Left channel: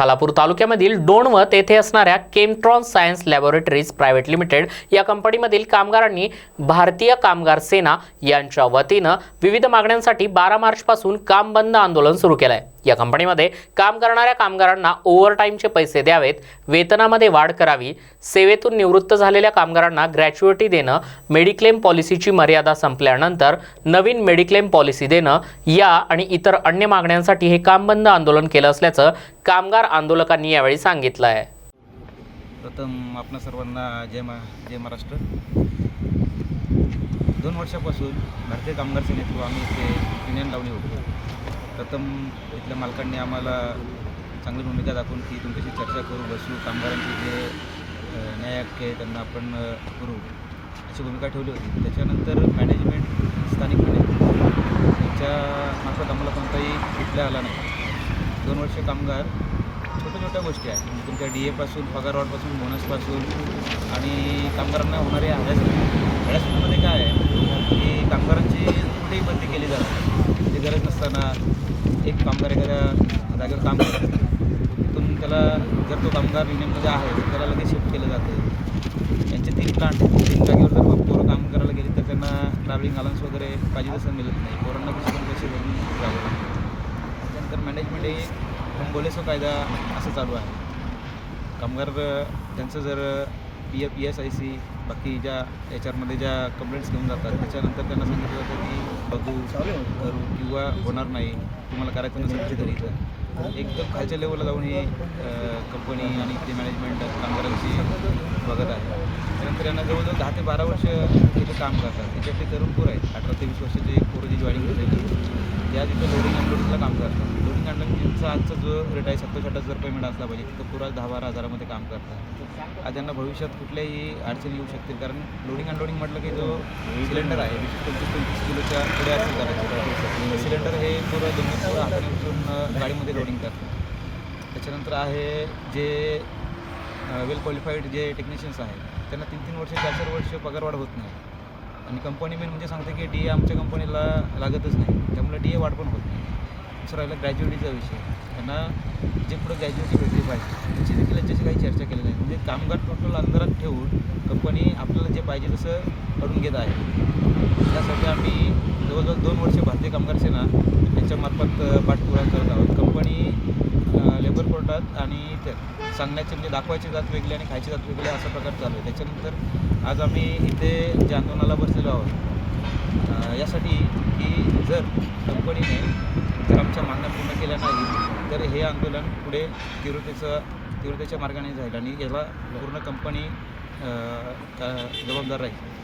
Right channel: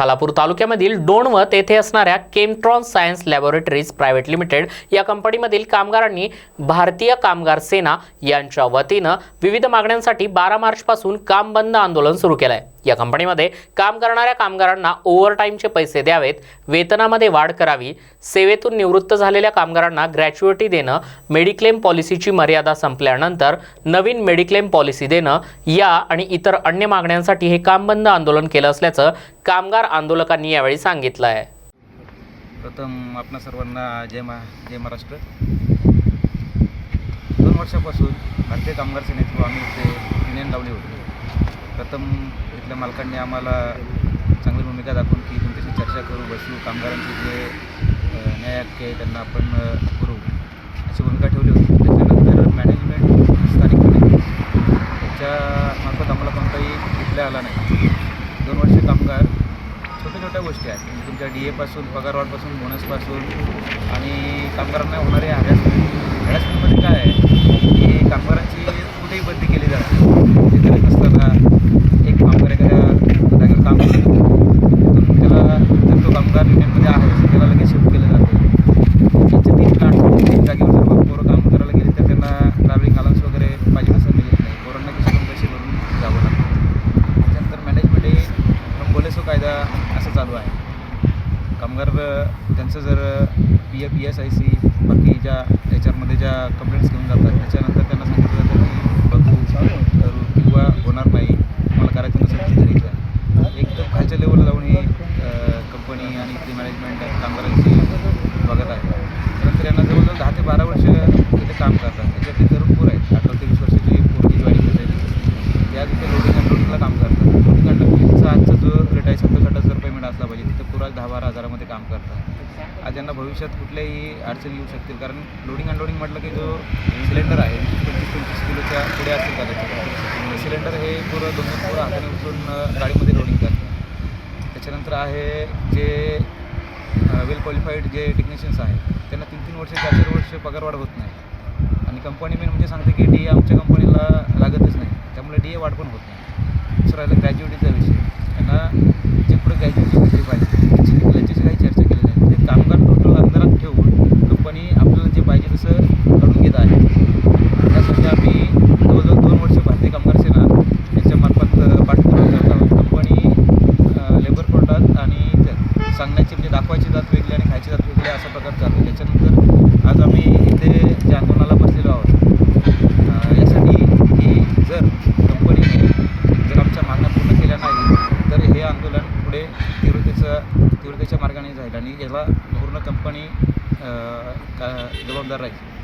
खालापूर तालुक्यामधील डोणवत येथे असणाऱ्या Chemtron science laboratories private limited या कंपनीमधील कामगारांनी भारतीय कामगार सेना यांच्या वतीनं विविध मागण्यांसाठी बारा मार्चपासून काम बंद आंदोलन सुरू केलं आहे या कंपनीमध्ये काम करणाऱ्या कामगारांना ओव्हरटाईमचे पैसे द्यावेत वेतनामध्ये वाढ करावी सेवेतून निवृत्त झालेल्या कामगारांना ग्रॅच्युएटी देणं मेडिक्लेम पॉलिसीची मर्यादा संपल्यानंतर नवीन मेडिक्लेम पॉलिसी देणं या आणि इतर अन्य मागण्यांसाठी हे काम बंद आंदोलन केलं असल्याचं कामगार आंदोलकांनी यावेळी सांगितलं आहे प्रथम आपणा सर्वांना जय मा जय महाराष्ट्र. दोन वर्षापासून भारतीय कामगार सेनेतून आम्ही इथे युनियन लावली होती. प्रथम इथल्या मालकांनी आम्हाला चांगली भूमिका दाखवून की तुमच्याशी चर्चा करू बसू कामगारांचे जे न्याय हक्क आहे त्यांना आपण करू अशी भूमिका ठेवली होती. त्याच्यानंतर मॅनेजमेंट स्थानिकपणे. त्याच्या मार्फत आम्हाला कोणताही इथल्या आला नाही. दोन वर्ष कामगार छोट्या छोट्या गोष्टी आहेत. म्हणजे तुमच्या डी एपासून पगारवाढपासून बोनसपासून आणि कामगारांना होणारे हॅरॅसमेंट हॅरॅसमेंटमध्ये काय आहे? की कामगारांची कुठेही बदली केली जाते ते करत नसताना एक कामगार एखाद्या जागेवर काम करतो. तिथून त्याला जर तो कामगार युनियनमध्ये आहे तर त्याला लगेच शिफ्ट केलं जातं. याचे तीन प्लांट तीन जागेवर जर पोरं काम करायला गेले तर त्यांना ट्रॅव्हलिंग अलाउन्स वगैरे पाहिजे तसं मिळत नाही पोरांना किती पैसे भरून जावं लागतं त्याच्यानंतर मॅनेजमेंट हे फ्रॉम बोलेसो कायदा असं चालू आहे. कामगार त्यांचं जर P F P S I C बाकी ज्या याच्यामध्ये ज्या कंप्लेंट्स घेऊन जातात त्याच्यानंतर त्यांना सांगितलं जातं की बघू करू किंवा होणार नाही. तुम्हाला करायचं नसेल तरी घरी जा एकदम खालच्या लेवलला जाऊन ही कंपनी आणि इथली मॅनेजमेंट कामगारांची बघत आहे. त्यानंतर यांना जवळजवळ दहा ते बारा वर्ष इथे काम करतात. त्याच्यातले तरुण पोरं आहेत अठरा ते वीस वर्षाची पोरं जी जॉईनिंग झालेली त्या तिथे लोडिंग अनलोडिंगला काम करतात लोडिंग अनलोडिंगचा आजचा जो रेट आहे सत्तर साठ हजार रुपये असला पाहिजे. तिथं पुरा दहा बारा हजारामध्ये काम करतात. आज त्यांना भविष्यात कुठल्याही अडचणी येऊ शकतील. कारण लोडिंग अनलोडिंग म्हटलं की जो सिलेंडर आहे पंचवीस पंचवीस किलोच्या पुढे असेल करायचं. सिलेंडर हे पुरं दोन दोन पुरं हाताने उचलून गाडीमध्ये लोडिंग करतात. त्याच्यानंतर आहे जे वेल क्वालिफाईड जे टेक्निशियन्स आहेत त्यांना तीन तीन वर्ष चार चार वर्ष पगारवाढ होत नाही. आणि कंपनी मेन म्हणजे सांगते की डी ए आमच्या कंपनीला लागतच नाही. त्यामुळे डी ए वाढ पण होत नाही. दुसरं राहिलं ग्रॅज्युएटीचा विषय. त्यांना जे पुढे ग्रॅज्युएटी भेटली पाहिजे त्याची देखील याच्याशी काही चर्चा केली नाही. म्हणजे कामगार टोटल अंधारात ठेवून कंपनी आपल्याला जे पाहिजे तसं करून घेत आहे. त्यासाठी आम्ही जवळजवळ दोन वर्ष भारतीय कामगार सेना यांच्यामार्फत अ, पाठपुरावा करत आहोत. कंपनी लेबर कोर्टात आणि सांगण्याची म्हणजे दाखवायची जात वेगळी आणि खायची जात वेगळी असा प्रकार चालू आहे. त्याच्यानंतर आज आम्ही इथे जे आंदोलनाला बसलेलो आहोत अ, यासाठी की जर कंपनीने जर आमच्या मागण्या पूर्ण केल्या नाही तर हे आंदोलन पुढे तीव्रतेचं तीव्रतेच्या मार्गाने जाईल आणि याला पूर्ण कंपनी का जबाबदार राहील.